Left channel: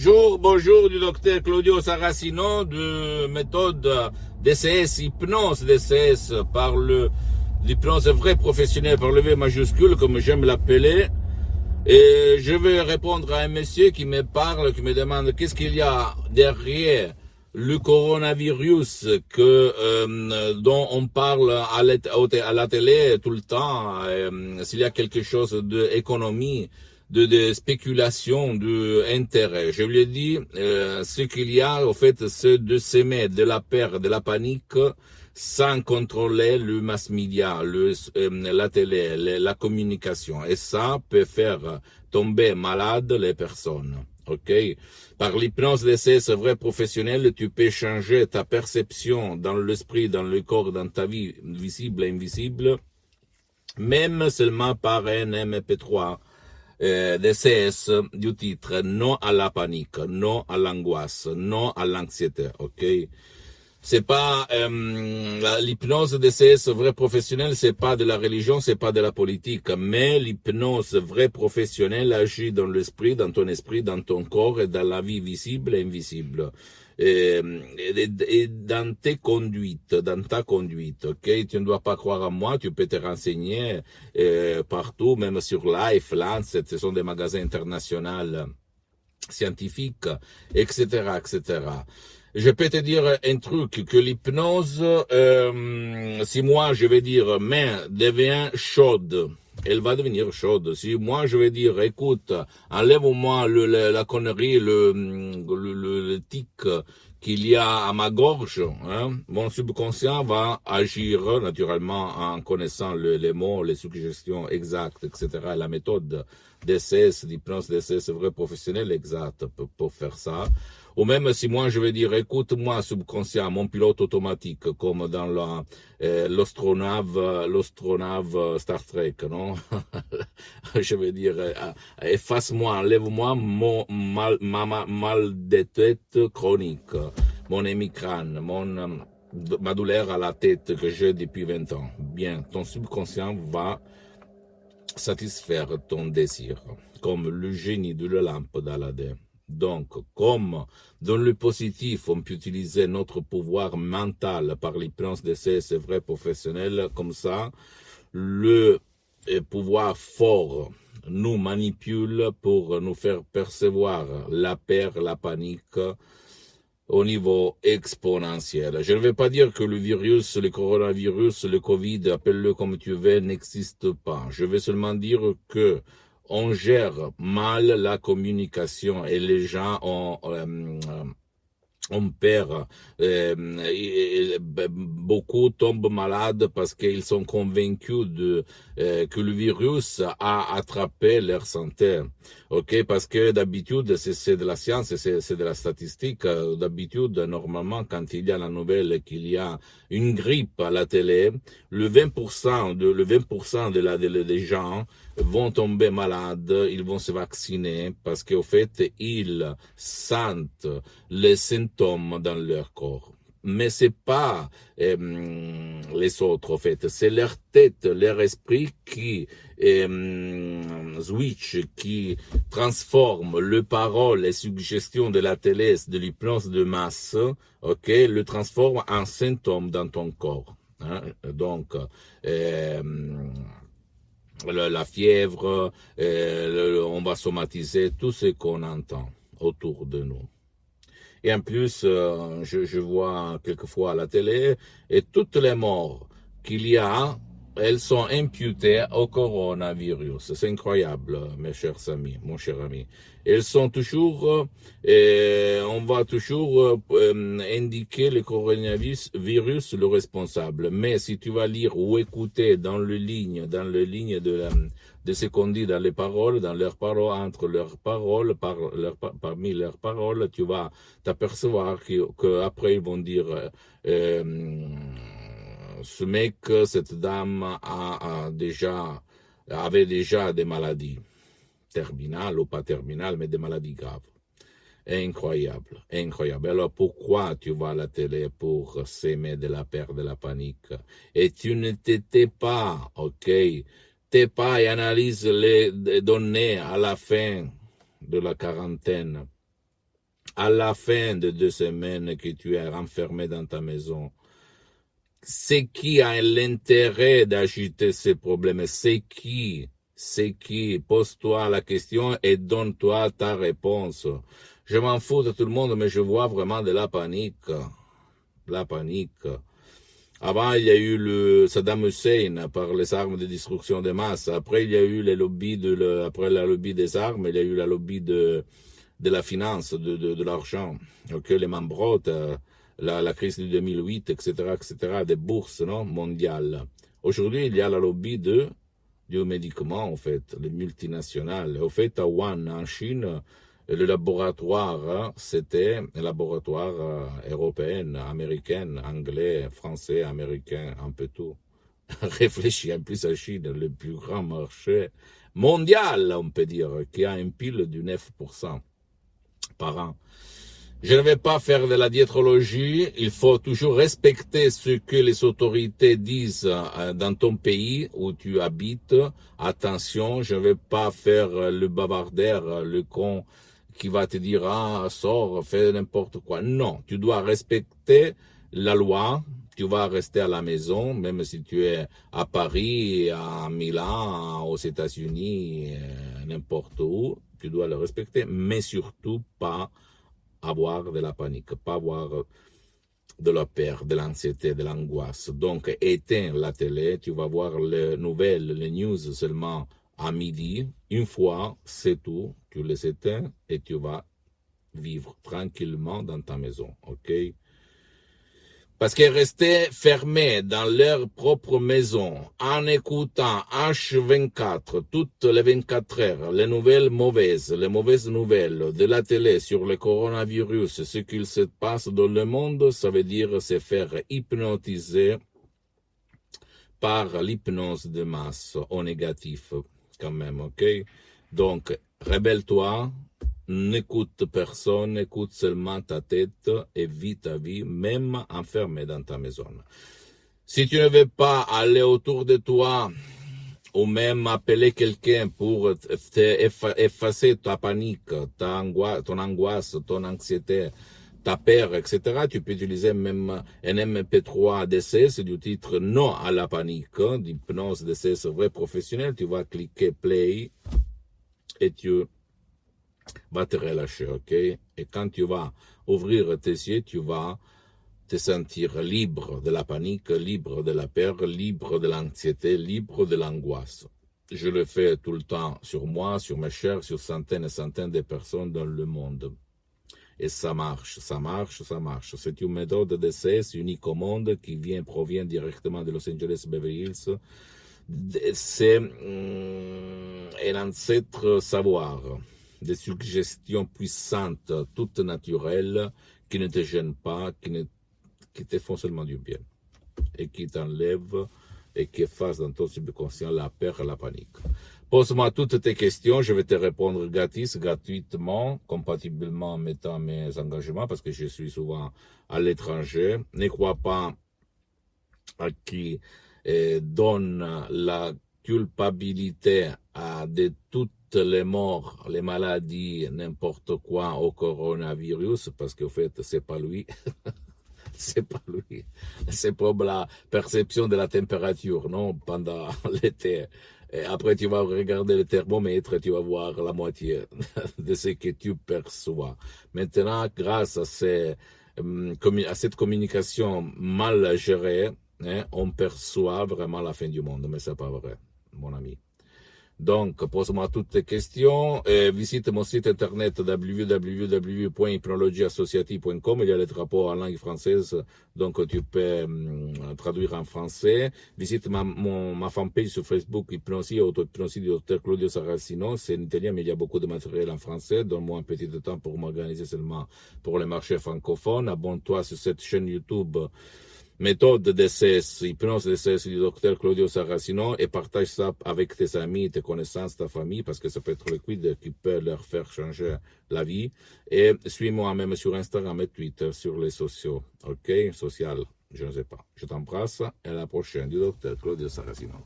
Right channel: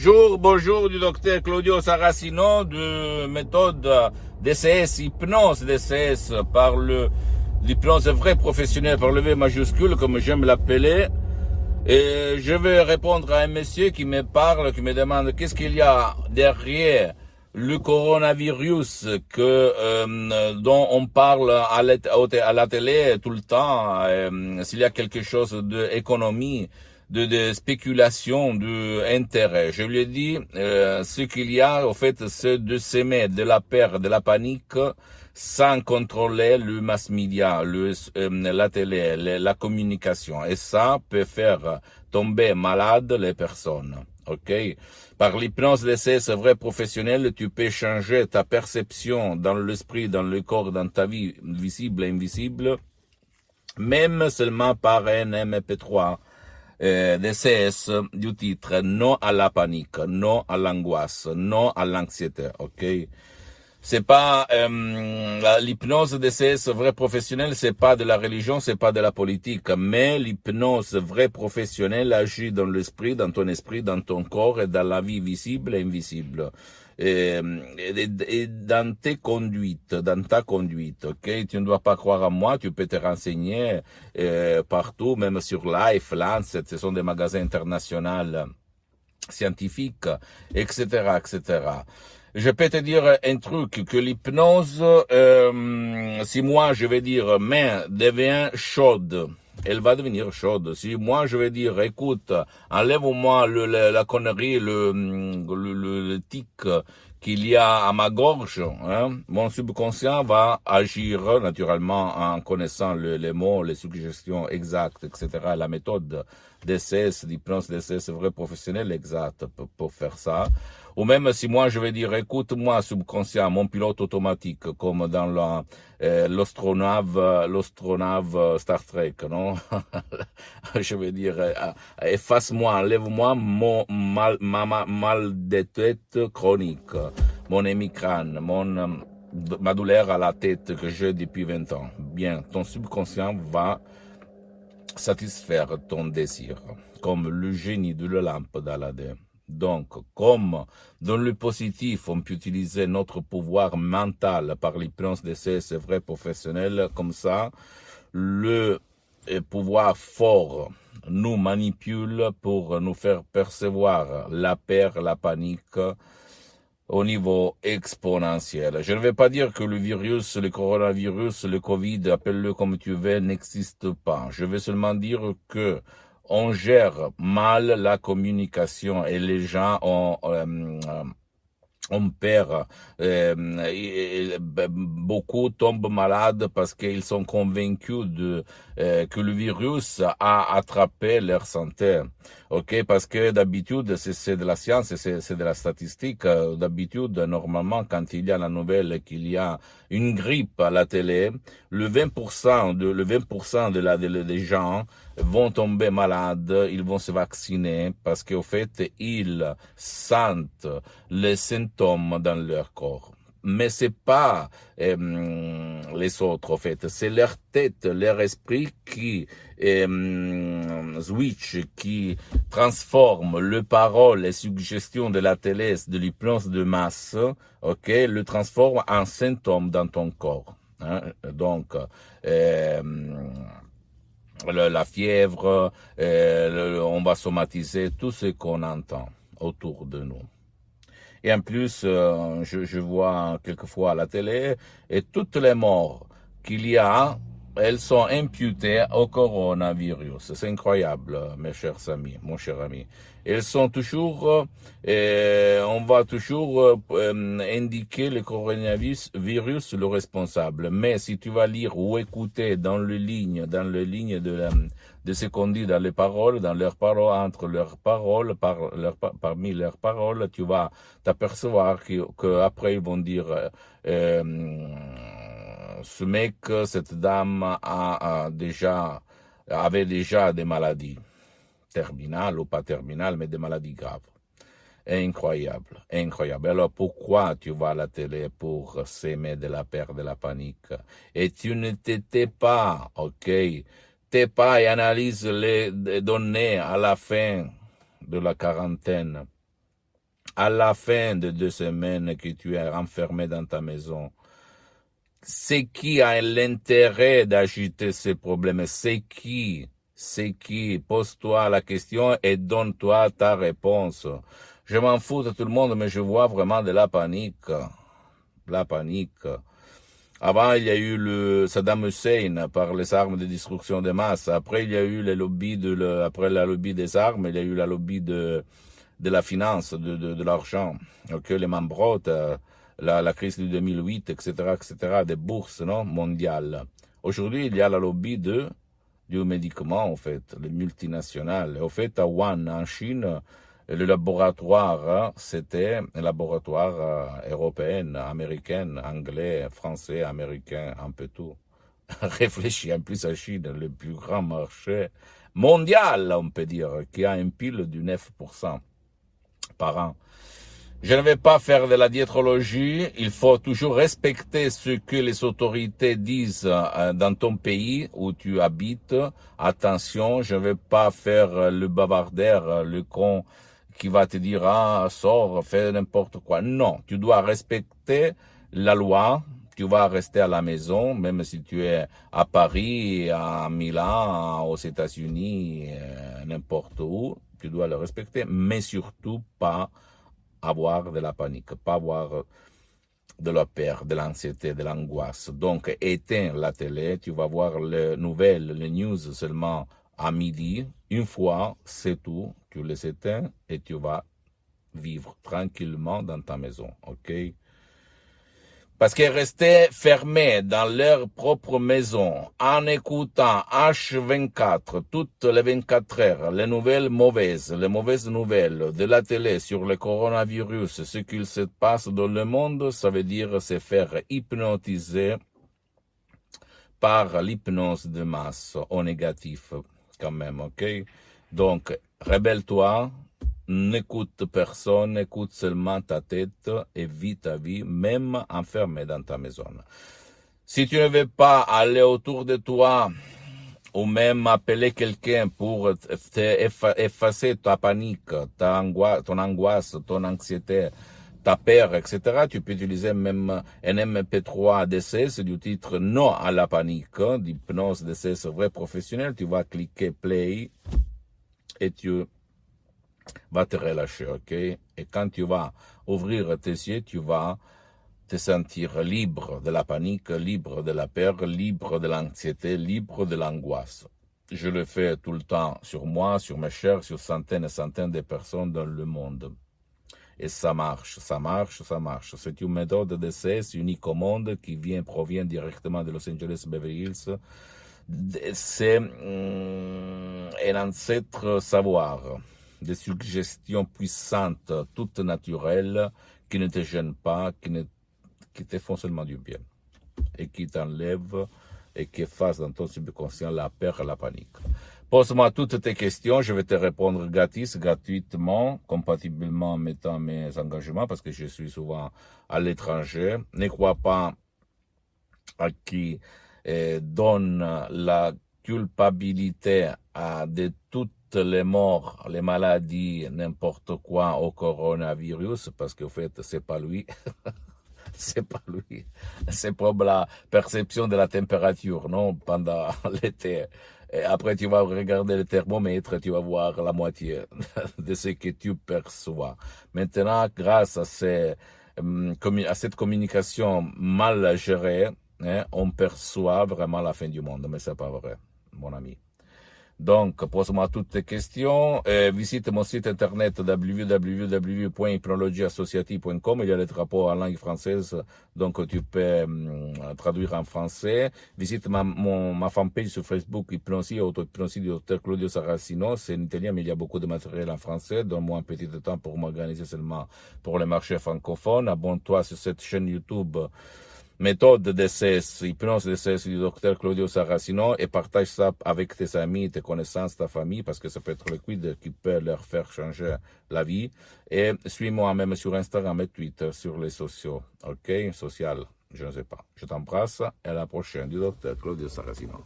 Bonjour du docteur Claudio Saracino de méthode DCS, hypnose DCS par l'hypnose vrai professionnel par le V majuscule comme j'aime l'appeler. Et je vais répondre à un monsieur qui me parle, qui me demande qu'est-ce qu'il y a derrière le coronavirus dont on parle à la télé tout le temps, s'il y a quelque chose d'économie, de spéculation, d'intérêt. Je lui ai dit, ce qu'il y a, au fait, c'est de s'aimer de la peur, de la panique, sans contrôler le mass media, la télé, la communication. Et ça peut faire tomber malade les personnes. OK? Par l'hypnose d'essai, c'est vrai professionnel, tu peux changer ta perception dans l'esprit, dans le corps, dans ta vie, visible et invisible, même seulement par un MP3 DCS du titre non à la panique, non à l'angoisse, non à l'anxiété. OK? C'est pas l'hypnose DCS vrai professionnel, c'est pas de la religion, c'est pas de la politique, mais l'hypnose vrai professionnel agit dans l'esprit, dans ton esprit, dans ton corps et dans la vie visible et invisible. Et dans tes conduites, dans ta conduite, ok? Tu ne dois pas croire à moi, tu peux te renseigner partout, même sur Life, Lancet, ce sont des magasins internationaux scientifiques, etc., etc. Je peux te dire un truc, que l'hypnose, si moi je vais dire main devient chaude, elle va devenir chaude. Si moi je vais dire, écoute, enlève-moi la connerie, le tic qu'il y a à ma gorge, hein, mon subconscient va agir naturellement en connaissant les mots, les suggestions exactes, etc., la méthode d'essai, d'hypnose d'essai, c'est vrai professionnel exact pour faire ça. Ou même si moi je vais dire, écoute-moi subconscient, mon pilote automatique, comme dans l'astronave Star Trek, non? Je vais dire, efface-moi, enlève-moi mon mal de tête chronique, mon hémicrane, ma douleur à la tête que j'ai depuis 20 ans. Bien, ton subconscient va satisfaire ton désir, comme le génie de la lampe d'Aladin. Donc, comme dans le positif, on peut utiliser notre pouvoir mental par l'hypnose d'essai, c'est vrai professionnel, comme ça, le pouvoir fort nous manipule pour nous faire percevoir la peur, la panique, au niveau exponentiel. Je ne vais pas dire que le virus, le coronavirus, le Covid, appelle-le comme tu veux, n'existe pas. Je vais seulement dire que on gère mal la communication et les gens on perd, beaucoup tombent malades parce qu'ils sont convaincus que le virus a attrapé leur santé. Ok, parce que d'habitude c'est de la science, c'est de la statistique. D'habitude, normalement, quand il y a la nouvelle qu'il y a une grippe à la télé, le 20% des gens vont tomber malades, ils vont se vacciner parce qu'au fait, ils sentent les symptômes dans leur corps. Mais c'est pas les autres, en fait. C'est leur tête, leur esprit qui switch, qui transforme le parole, les suggestions de la télé, de l'hypnose de masse, ok, le transforme en symptômes dans ton corps. Hein? Donc, la fièvre, on va somatiser tout ce qu'on entend autour de nous. Et en plus, je vois quelquefois à la télé, et toutes les morts qu'il y a, elles sont imputées au coronavirus. C'est incroyable, mes chers amis, mon cher ami. Elles sont toujours, on va toujours indiquer le coronavirus le responsable. Mais si tu vas lire ou écouter dans les lignes de ce qu'on dit dans les paroles, dans leurs paroles, entre leurs paroles, parmi leurs paroles, tu vas t'apercevoir qu'après ils vont dire ce mec, cette dame avait déjà des maladies terminales ou pas terminales, mais des maladies graves. Incroyable, incroyable. Alors pourquoi tu vas à la télé pour s'aimer de la peur, de la panique? Et tu ne t'étais pas, ok? T'es pas et analyse les données à la fin de la quarantaine. à la fin de 2 semaines que tu es enfermé dans ta maison, c'est qui a l'intérêt d'agiter ces problèmes? C'est qui? Pose-toi la question et donne-toi ta réponse. Je m'en fous de tout le monde, mais je vois vraiment de la panique. La panique. Avant, il y a eu le Saddam Hussein par les armes de destruction de masse. Après, il y a eu les lobbies après la lobby des armes, il y a eu la lobby de la finance, de l'argent, okay, les Mambrot, la crise de 2008, etc., des bourses, non, mondiales. Aujourd'hui, il y a la lobby du médicament, en fait, les multinationales. Au fait, à Wuhan, en Chine, le laboratoire, c'était un laboratoire européen, américain, anglais, français, américain, un peu tout. Réfléchis en plus à Chine, le plus grand marché mondial, on peut dire, qui a un PIB du 9% par an. Je ne vais pas faire de la diétrologie, il faut toujours respecter ce que les autorités disent dans ton pays où tu habites. Attention, je ne vais pas faire le bavardeur, le con qui va te dire « Ah, sors, fais n'importe quoi ». Non, tu dois respecter la loi, tu vas rester à la maison, même si tu es à Paris, à Milan, aux États-Unis, n'importe où, tu dois le respecter, mais surtout pas avoir de la panique, pas avoir de la peur, de l'anxiété, de l'angoisse. Donc, éteins la télé, tu vas voir les nouvelles, les news seulement à midi. Une fois, c'est tout, tu les éteins et tu vas vivre tranquillement dans ta maison, ok? Parce qu'ils restaient fermés dans leur propre maison, en écoutant H24, toutes les 24 heures, les nouvelles mauvaises, les mauvaises nouvelles de la télé sur le coronavirus, ce qu'il se passe dans le monde, ça veut dire se faire hypnotiser par l'hypnose de masse, au négatif, quand même, ok? Donc, rebelle-toi. N'écoute personne, écoute seulement ta tête et vis ta vie, même enfermé dans ta maison. Si tu ne veux pas aller autour de toi ou même appeler quelqu'un pour effacer ta panique, ton angoisse, ton anxiété, ta peur, etc., tu peux utiliser même un MP3 DCS du titre Non à la panique, d'hypnose DCS vrai professionnel. Tu vas cliquer play et tu va te relâcher, ok? Et quand tu vas ouvrir tes yeux, tu vas te sentir libre de la panique, libre de la peur, libre de l'anxiété, libre de l'angoisse. Je le fais tout le temps sur moi, sur mes chers, sur centaines et centaines de personnes dans le monde. Et ça marche, ça marche, ça marche. C'est une méthode d'essai unique au monde qui provient directement de Los Angeles Beverly Hills. C'est un ancêtre savoir, des suggestions puissantes, toutes naturelles, qui ne te gênent pas, qui te font seulement du bien, et qui t'enlèvent et qui effacent dans ton subconscient la peur et la panique. Pose-moi toutes tes questions, je vais te répondre gratuitement, compatiblement en mettant mes engagements, parce que je suis souvent à l'étranger. Ne crois pas à qui donne la culpabilité de toutes les morts, les maladies, n'importe quoi au coronavirus, parce qu'en fait, c'est pas lui. C'est pas lui. C'est pour la perception de la température, non, pendant l'été. Et après, tu vas regarder le thermomètre, tu vas voir la moitié de ce que tu perçois. Maintenant, grâce à cette communication mal gérée, on perçoit vraiment la fin du monde, mais c'est pas vrai, mon ami. Donc, pose-moi toutes tes questions. Visite mon site internet www.hypnologieassociative.com. Il y a les drapeaux en langue française, donc tu peux traduire en français. Visite ma fanpage sur Facebook, Hypnosie, auto-hypnosie du Dr Claudio Saracino. C'est en italien, mais il y a beaucoup de matériel en français. Donne-moi un petit temps pour m'organiser seulement pour les marchés francophones. Abonne-toi sur cette chaîne YouTube. Méthode DCS, hypnose DCS du Dr Claudio Saracino, et partage ça avec tes amis, tes connaissances, ta famille, parce que ça peut être le quid qui peut leur faire changer la vie. Et suis-moi même sur Instagram et Twitter, sur les sociaux, ok? Social, je ne sais pas. Je t'embrasse et à la prochaine du Dr Claudio Saracino.